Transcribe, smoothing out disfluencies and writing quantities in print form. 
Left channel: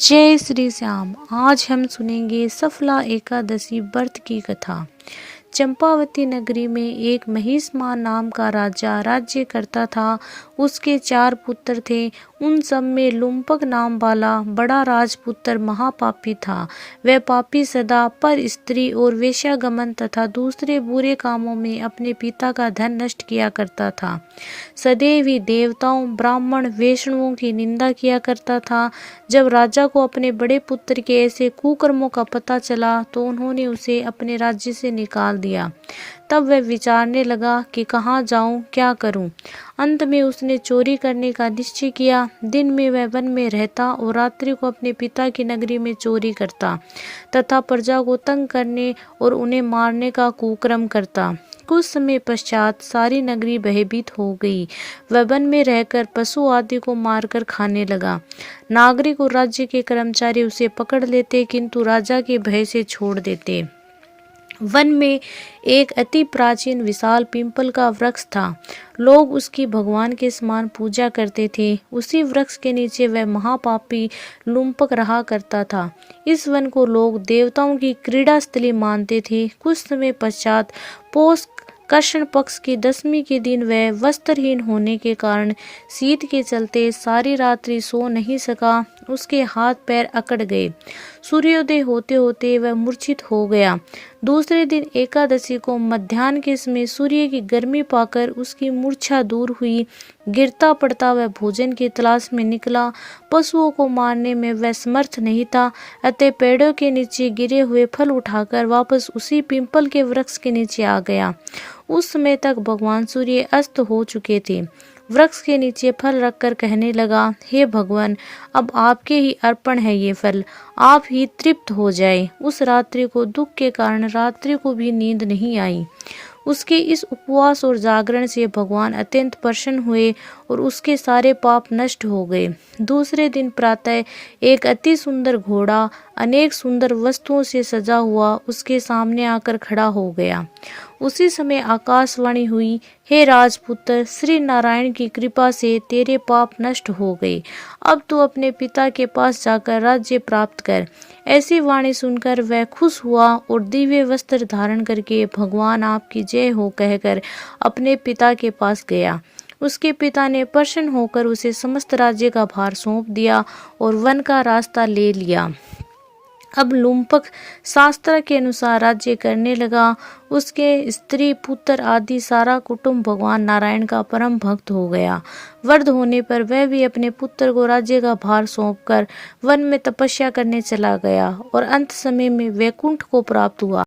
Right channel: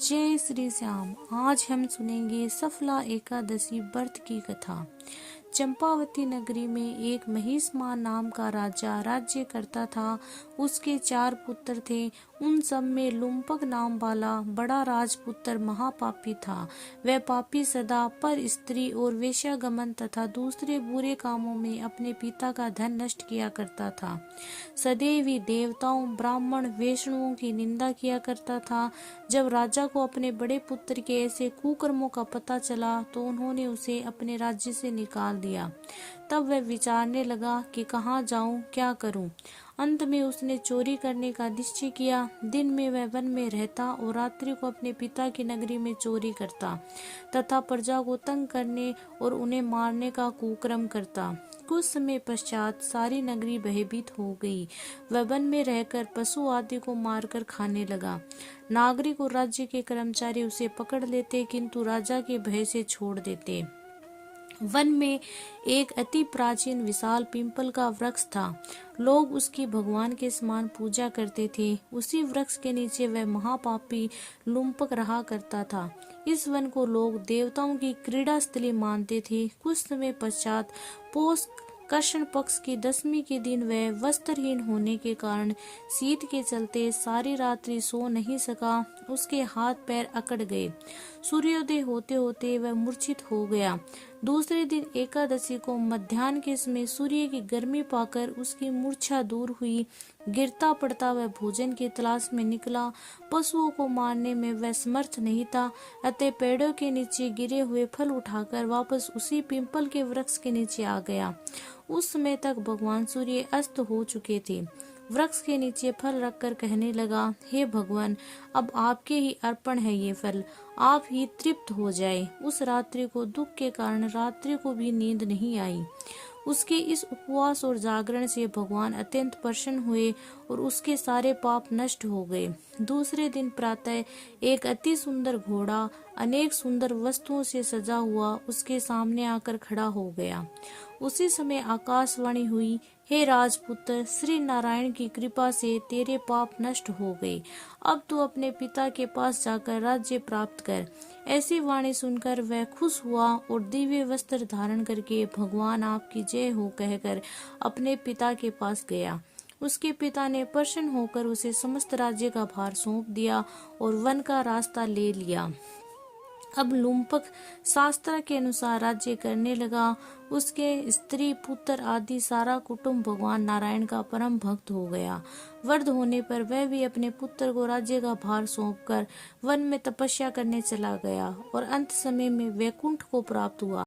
जय श्री श्याम। आज हम सुनेंगे सफला एकादशी व्रत की कथा। चंपावती नगरी में एक महिष्मान नाम का राजा राज्य करता था। उसके 4 पुत्र थे। उन सब में लुम्पक नाम वाला बड़ा राजपुत्र महापापी था। वह पापी सदा पर स्त्री और वेश्यागमन तथा दूसरे बुरे कामों में अपने पिता का धन नष्ट किया करता था। सदैव ही देवताओं, ब्राह्मण, वैष्णवों की निंदा किया करता था। जब राजा को अपने बड़े पुत्र के ऐसे कुकर्मों का पता चला तो उन्होंने उसे अपने राज्य से निकाल दिया। तब वह विचारने लगा कि कहाँ जाऊं, क्या करूं। अंत में उसने चोरी करने का निश्चय किया। दिन में वह वन में रहता और रात्रि को अपने पिता की नगरी में चोरी करता तथा प्रजा को तंग करने और उन्हें मारने का कुकर्म करता। कुछ समय पश्चात सारी नगरी भयभीत हो गई। वह वन में रहकर पशु आदि को मारकर खाने लगा। नागरिक और राज्य के कर्मचारी उसे पकड़ लेते किंतु राजा के भय से छोड़ देते। वन में एक अति प्राचीन विशाल पीपल का वृक्ष था। लोग उसकी भगवान के समान पूजा करते थे। उसी वृक्ष के नीचे वह महापापी लुम्पक रहा करता था। इस वन को लोग देवताओं की क्रीड़ा स्थली मानते थे। कुछ समय पश्चात पौष कृष्ण पक्ष की 10वीं के दिन वह वस्त्रहीन होने के कारण शीत के चलते सारी रात्रि सो नहीं सका। उसके हाथ पैर अकड़ गए। सूर्योदय होते होते वह मूर्छित हो गया। दूसरे दिन एकादशी को मध्याह्न के समय सूर्य की गर्मी पाकर उसकी मूर्छा दूर हुई। गिरता पड़ता वह भोजन की तलाश में निकला। पशुओं को मारने में वह समर्थ नहीं था, अतः पेड़ों के नीचे गिरे हुए फल उठाकर वापस उसी पीपल के वृक्ष के नीचे आ गया। उस समय तक भगवान सूर्य अस्त हो चुके थे। वृक्ष के नीचे फल रखकर कहने लगा, हे भगवान, अब आपके ही अर्पण है ये फल, आप ही तृप्त हो जाए। उस रात्रि को दुख के कारण रात्रि को भी नींद नहीं आई। उसके इस उपवास और जागरण से भगवान अत्यंत प्रसन्न हुए और उसके सारे पाप नष्ट हो गए। दूसरे दिन प्रातः एक अति सुंदर घोड़ा अनेक सुंदर वस्तुओं से सजा हुआ उसके सामने आकर खड़ा हो गया। उसी समय आकाशवाणी हुई, हे राजपुत्र, श्री नारायण की कृपा से तेरे पाप नष्ट हो गए। अब तू अपने पिता के पास जाकर राज्य प्राप्त कर। ऐसी वाणी सुनकर वह खुश हुआ और दिव्य वस्त्र धारण करके भगवान आपकी जय हो कहकर अपने पिता के पास गया। उसके पिता ने प्रसन्न होकर उसे समस्त राज्य का भार सौंप दिया और वन का रास्ता ले लिया। अब लुम्पक शास्त्र के अनुसार राज्य करने लगा। उसके स्त्री, पुत्र आदि सारा कुटुंब भगवान नारायण का परम भक्त हो गया। वृद्ध होने पर वह भी अपने पुत्र को राज्य का भार सौंपकर वन में तपस्या करने चला गया और अंत समय में वैकुंठ को प्राप्त हुआ।